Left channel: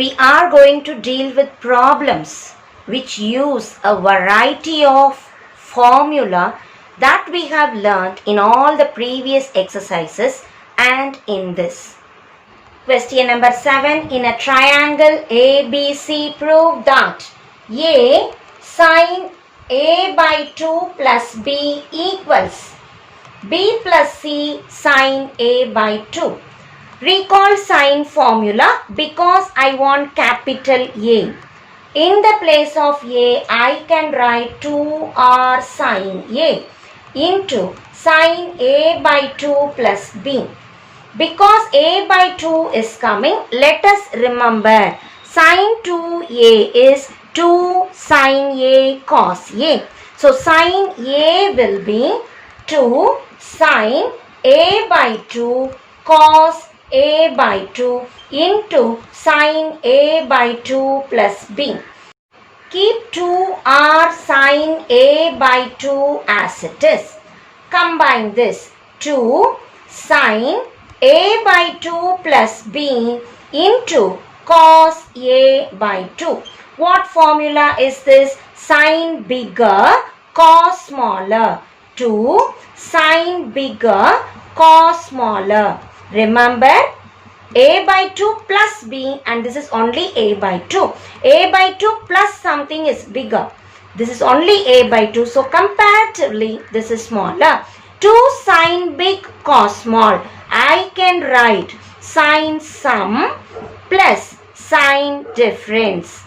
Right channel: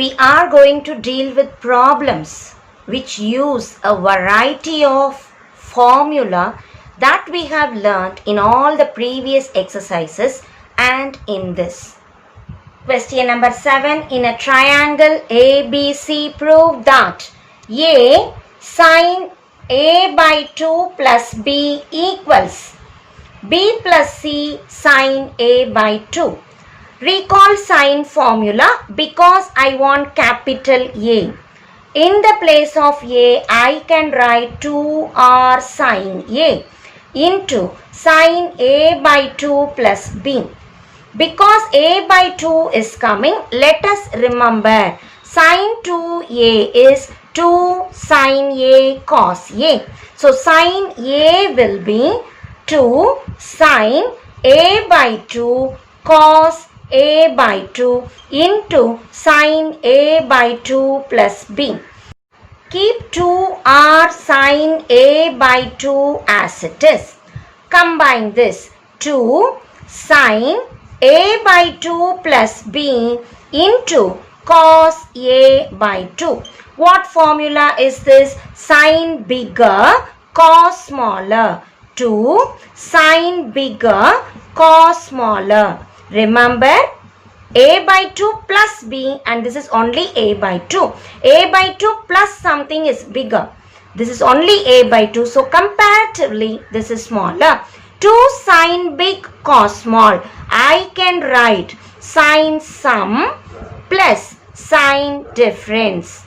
we are going to deal with problems which use a variety of formula that we have learnt in all the previous exercises and in this. Question number 7. In a triangle ABC, prove that A sin A by 2 plus B equals B plus C sin A by 2. Recall sign formula because I want capital A. In the place of A, I can write 2R sin A into sin A by 2 plus B. Because A by 2 is coming, let us remember sin 2A is 2 sin A cos A. So sin A will be 2 sin A by 2 cos A by 2 into sin A by 2 plus B. Keep 2R sin A by 2 as it is. Combine this 2 sin A by 2 plus B into cos A by 2. What formula is this? Sin bigger, cos smaller. 2 sin bigger, cos smaller. Remember, A by 2 plus B, and this is only A by 2. A by 2 plus something is bigger. This is only A by 2. So comparatively, this is smaller. 2 sin big cos small. I can write sin sum plus sin difference.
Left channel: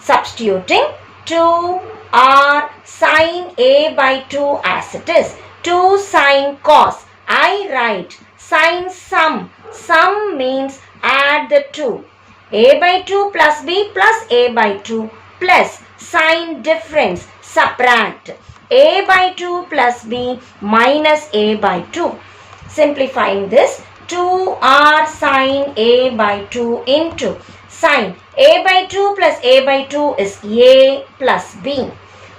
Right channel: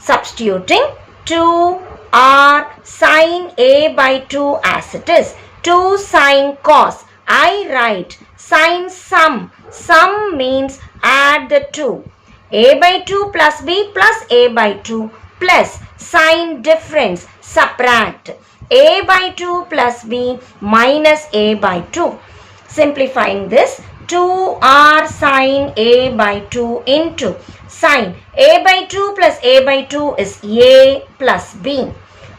Substituting 2R sin A by 2 as it is. 2 sin cos. I write sin sum. Sum means add the 2. A by 2 plus B plus A by 2 plus sin difference. Subtract. A by 2 plus B minus A by 2. Simplifying this, 2R sin A by 2 into sin A by 2 plus A by 2 is A plus B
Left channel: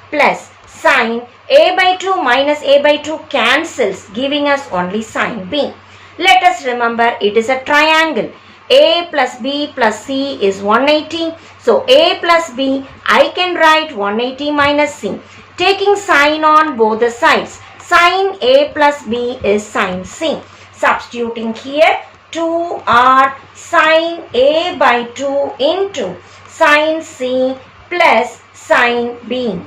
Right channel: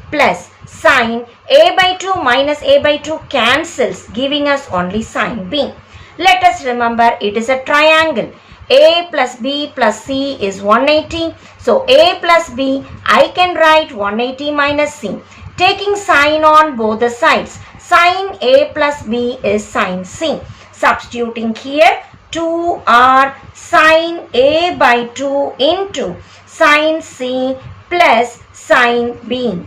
plus sin A by 2 minus A by 2 cancels, giving us only sin B. Let us remember it is a triangle. A plus B plus C is 180. So A plus B, I can write 180 minus C. Taking sin on both the sides. Sin A plus B is sin C. Substituting here 2R sin A by 2 into sin C plus sin B.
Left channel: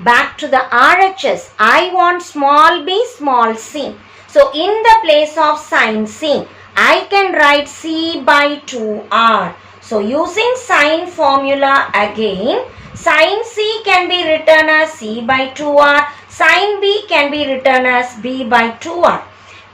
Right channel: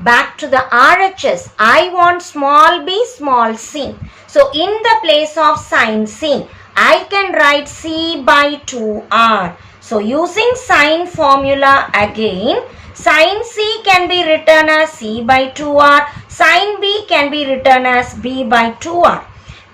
Back to the RHS. I want small b, small c. So in the place of sin C, I can write C by 2R. So using sin formula again, sin C can be written as C by 2R. Sin B can be written as B by 2R.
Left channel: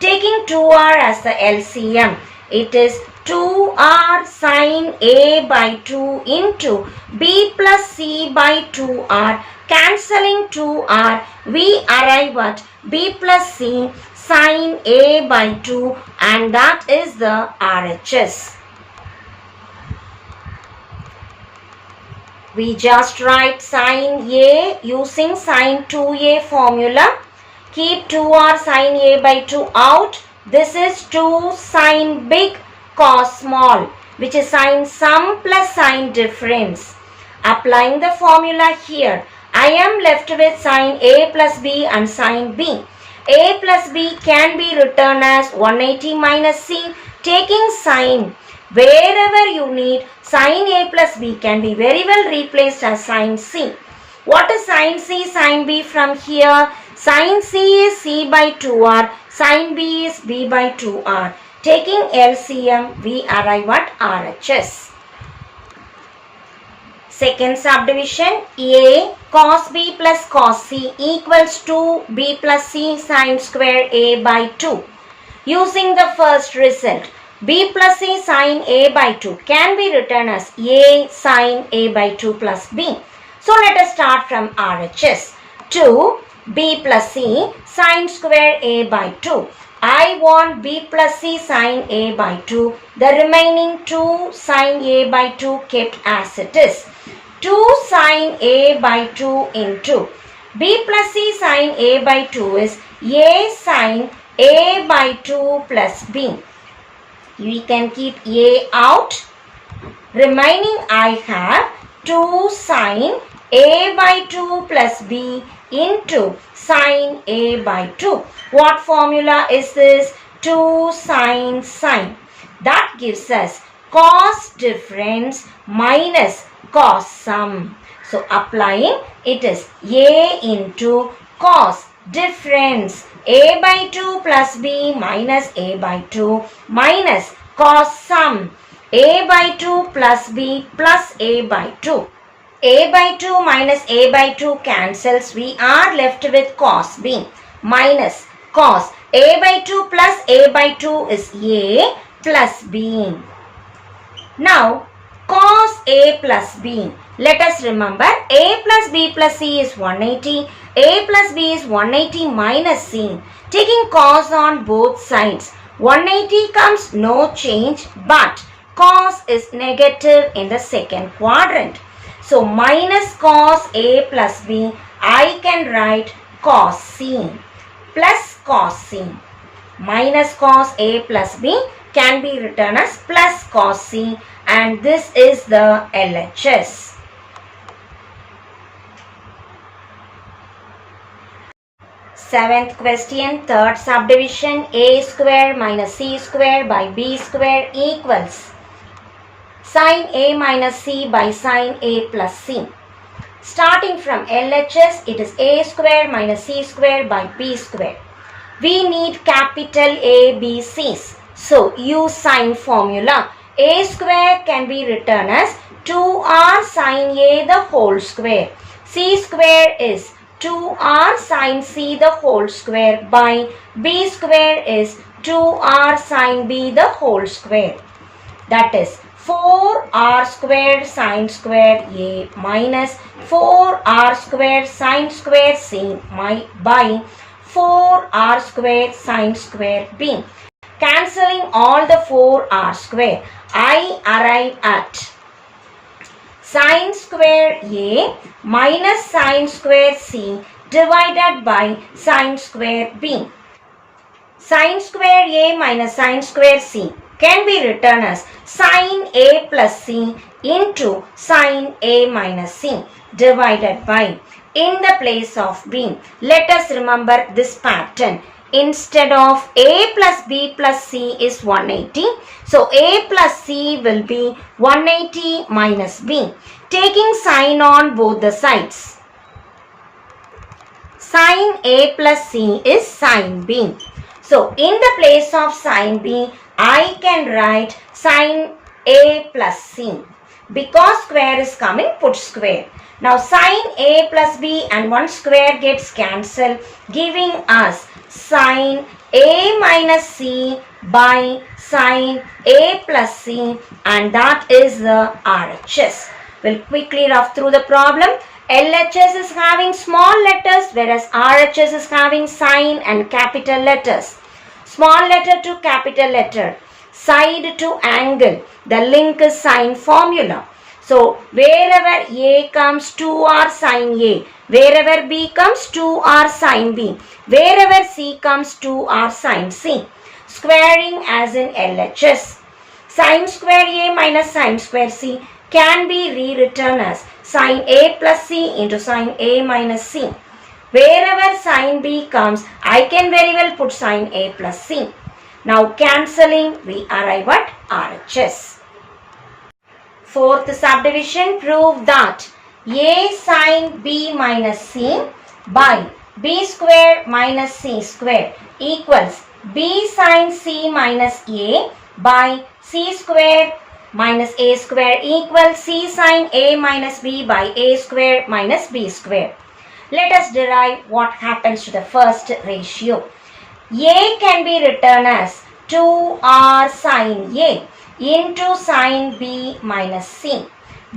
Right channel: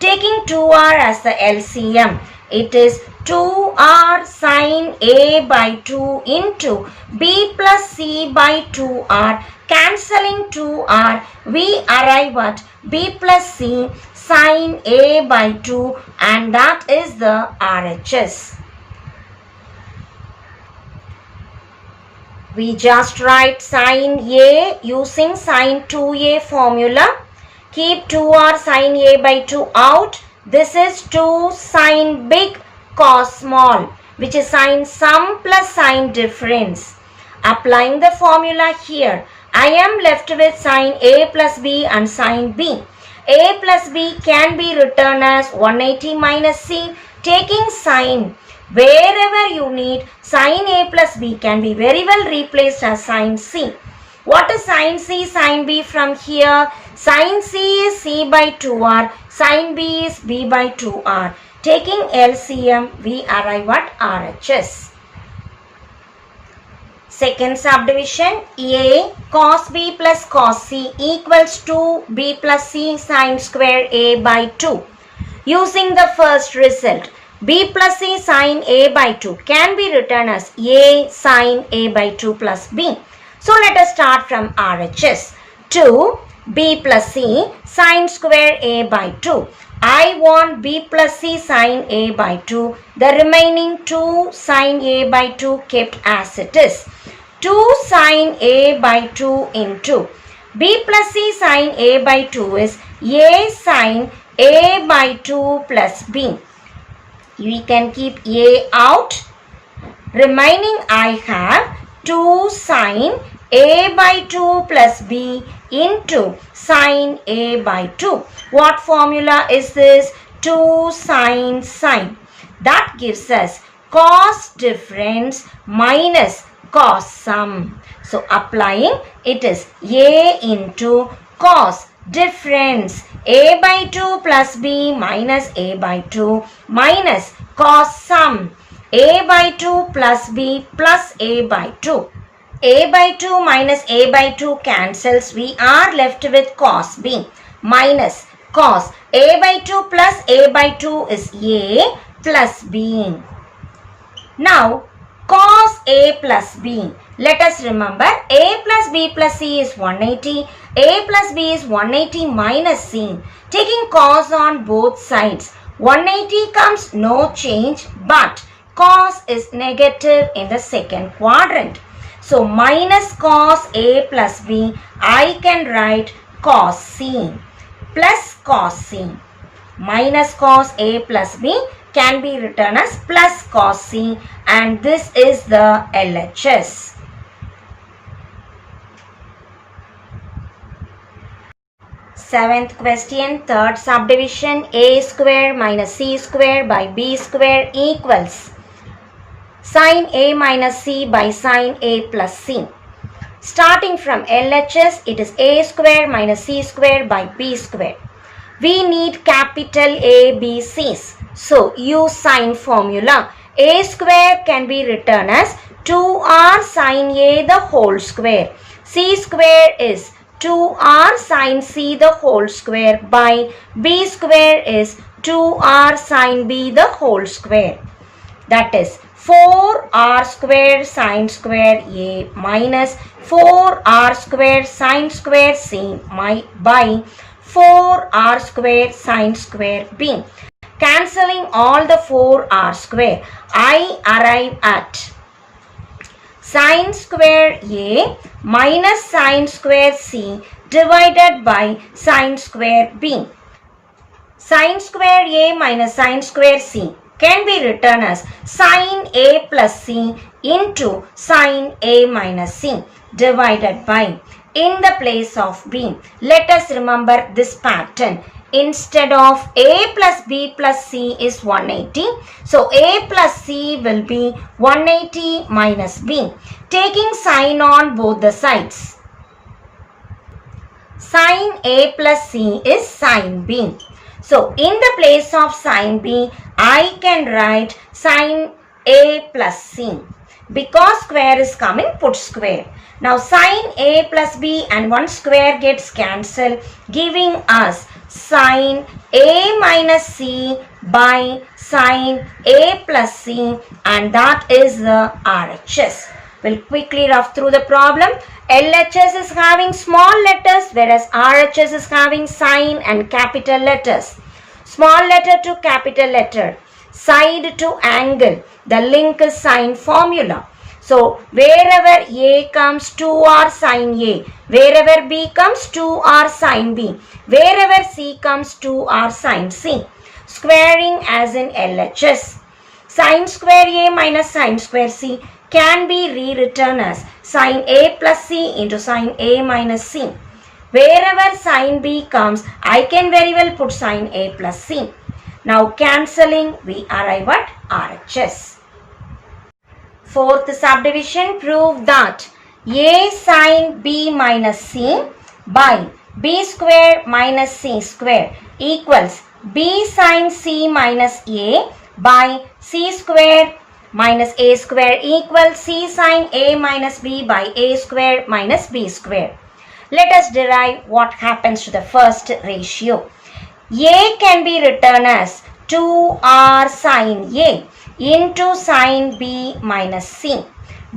Taking 2R as the LCM, it is 2R sin A by 2 into B plus C by 2R. Cancelling 2R, we arrive at B plus C sin A by 2, and that is the RHS. We just write sin A using sin 2A formula. Keep 2R sin A by 2 out. This is 2 sin big cos small, which is sin sum plus sin difference. Applying the formula here, I am left with sin A plus B and sin B. A plus B can be written as 180 minus C. Taking sin, wherever you need, sin A plus B can be very well replaced as sin C. What is sin C, sin B from here? Sin C is C by 2R, sin B is B by 2R. Taking LCM, we arrive at RHS. Second subdivision, A cos B plus cos C equals to B plus C sin square A by 2. Using the first result, B plus C sin A by 2 can be written as A sin A by 2 plus B. So let us start from RHS. 2 B plus C sin square A by 2. I want B plus C sin A by 2. The remaining 2 sin A by 2 kept as it is. 2 sin A by 2 into B plus C sin A by 2 is A sin A by 2 plus B. We can keep A out. Remaining I have 2 sine A by 2 plus B into sine A by 2. What formula is this? 2 sine. That gives us cos difference minus cos sum. So applying, it is A into cos difference A by 2 plus B minus A by 2 minus cos sum A by 2 plus B plus A by 2. A by 2 minus A by 2 cancels. We are left with cos B minus cos A by 2 plus A by 2 is A plus B. Now cos A plus B. Let us remember A plus B plus C is 180. A plus B is 180 minus C. Taking cos on both sides. 180 comes no change, but cos is negative in the second quadrant. So minus cos A plus B, I can write cos C plus cos C. Minus cos A plus B can be written as plus cos C, and this is the LHS. Seventh question, third subdivision, A square minus C square by B square equals sin A minus C by sin A plus C. Starting from LHS, it is A square minus C square by B square. We need capital A, B, C's. So use sin formula. A square can be written as 2r sin A the whole square. C square is 2r sin C the whole square by B square is 2r sin B the whole square. That is 4r square sin square A minus 4r square sin square C by 4r square sin square B. Cancelling all the 4r square, I arrive at sin square A minus sin square C divided by sin square B. Sin square A minus sin square C can be written as sin A plus C into sin A minus C divided by, in the place of B, let us remember this pattern. Instead of A plus B plus C is 180. So A plus C will be 180 minus B. Taking sin on both the sides. Sin A plus C is sin B. So in the place of sin B, I can write sin A plus C. Because square is coming, put square. Now sin A plus B and one square gets cancelled, giving us sin A minus C by sin A plus C, and that is the RHS. We'll quickly rough through the problem. LHS is having small letters, whereas RHS is having sign and capital letters. Small letter to capital letter, side to angle. The link is sin formula. So wherever A comes 2r sin A, wherever B comes 2r sin B, wherever C comes 2r sin C. Squaring as in LHS. Sin square A minus sin square C can be rewritten as sin A plus C into sin A minus C. Wherever sin B comes, I can very well put sin A plus C. Now cancelling, we arrive at RHS. Fourth subdivision, prove that A sin B minus C by B square minus C square equals B sin C minus A by C square minus A square equals C sin A minus B by A square minus B square. Let us derive what happens to the first ratio. A can be written as 2r sin A into sin B minus C.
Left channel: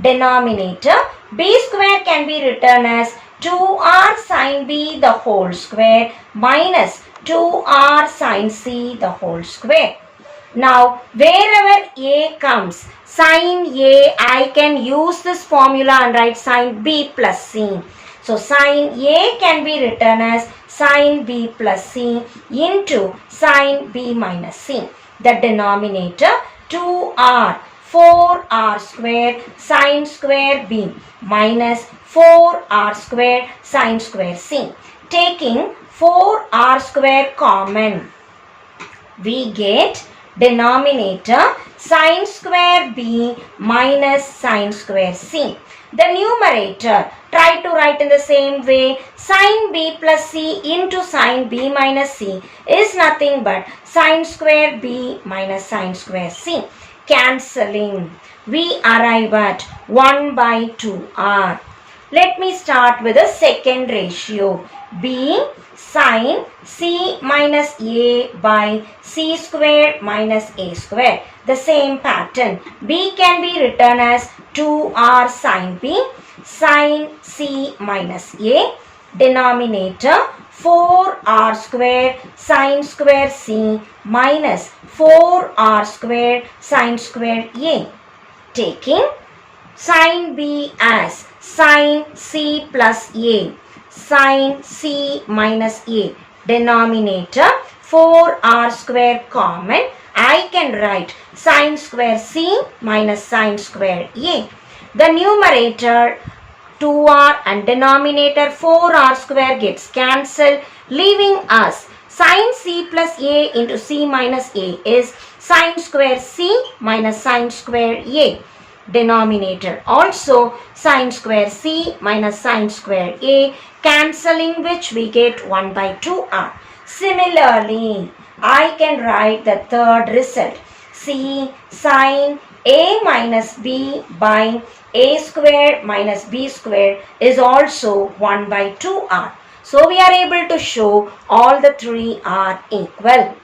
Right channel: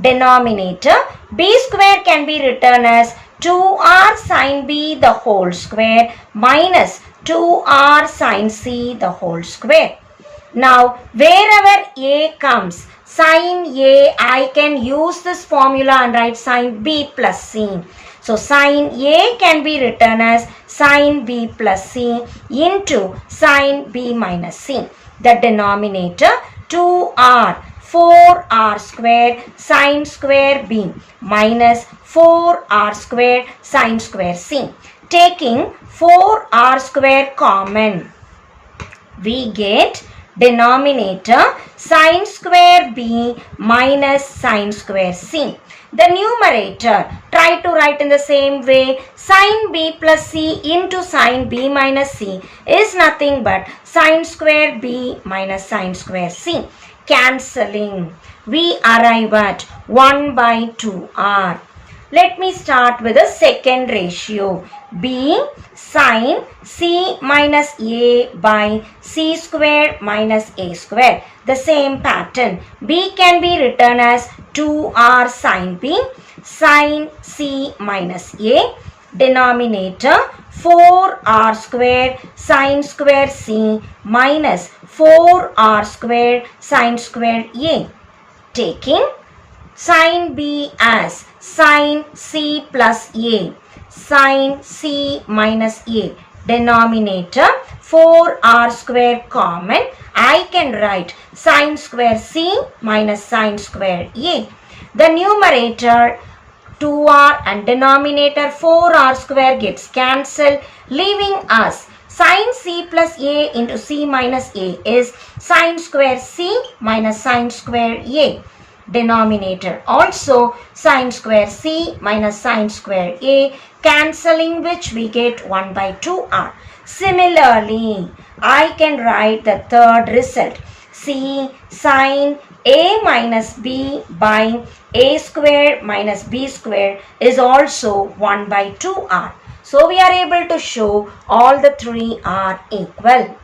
Denominator, B square can be written as 2r sin B the whole square minus 2r sin C the whole square. Now wherever A comes, sin A, I can use this formula and write sin B plus C. So sin A can be written as sin B plus C into sin B minus C. The denominator 2r, 4r square sine square b minus 4r square sine square c. Taking 4r square common, we get denominator sine square b minus sine square c. The numerator, try to write in the same way. Sine b plus c into sine b minus c is nothing but sine square b minus sine square c. Cancelling, we arrive at 1 by 2r. Let me start with the second ratio. B sine c minus a by c square minus a square. The same pattern. B can be written as 2r sine b sine c minus a. Denominator 4r square sine square c minus 4r square sine square a. Taking sine b as sine c plus a, sine c minus a. Denominator 4r square common. I can write sine square c minus sine square a. The numerator 2r and denominator 4r square gets cancelled, leaving us sine c plus a into c minus a is sine square c minus sine square a. Denominator also sine square c minus sine square a, cancelling which we get 1 by 2r. Similarly, I can write the third result. C sine a minus b by a square minus b square is also 1 by 2r. So we are able to show all the three are equal.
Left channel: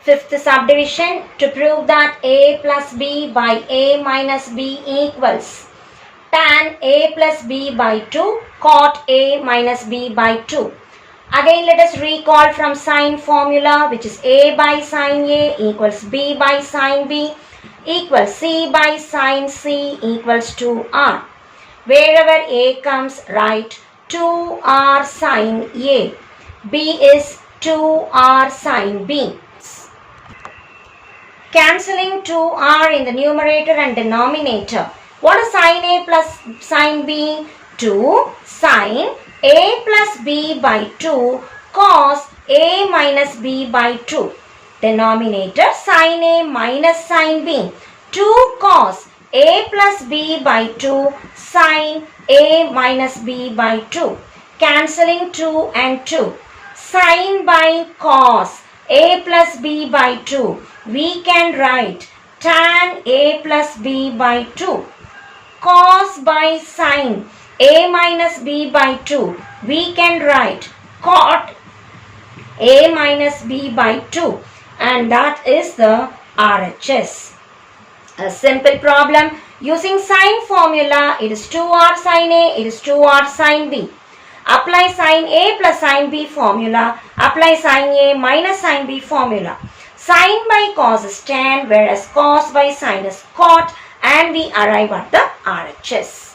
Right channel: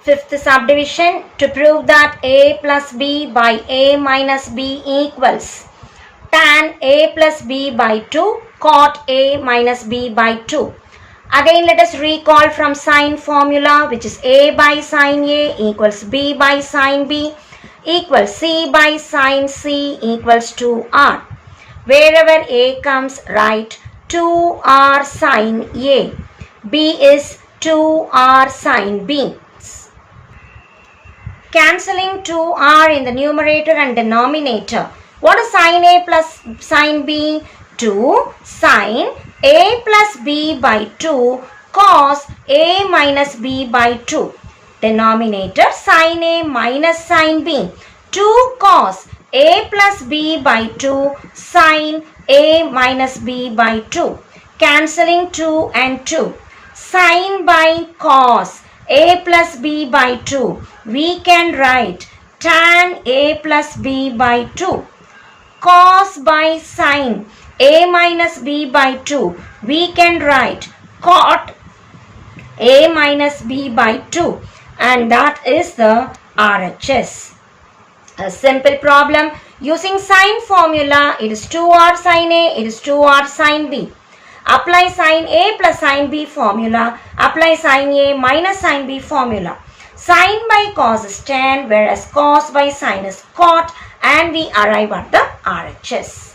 Fifth subdivision, to prove that a plus b by a minus b equals tan a plus b by 2 cot a minus b by 2. Again let us recall from sine formula, which is a by sine a equals b by sine b equals c by sine c equals 2r. Wherever a comes, write 2r sine a. b is 2r sine b. Cancelling 2r in the numerator and denominator. What is sine a plus sine b? 2 sine a plus b by 2 cos a minus b by 2. Denominator sine a minus sine b. 2 cos a plus b by 2 sine a minus b by 2. Cancelling 2 and 2. Sine by cos a plus b by 2. We can write tan a plus b by 2. Cos by sine a minus b by 2. We can write cot a minus b by 2. And that is the RHS. A simple problem using sine formula. It is 2r sine a, it is 2r sine b. Apply sine a plus sine b formula. Apply sine a minus sine b formula. Sine by cos is tan, whereas cos by sine is cot, and we arrive at the RHS.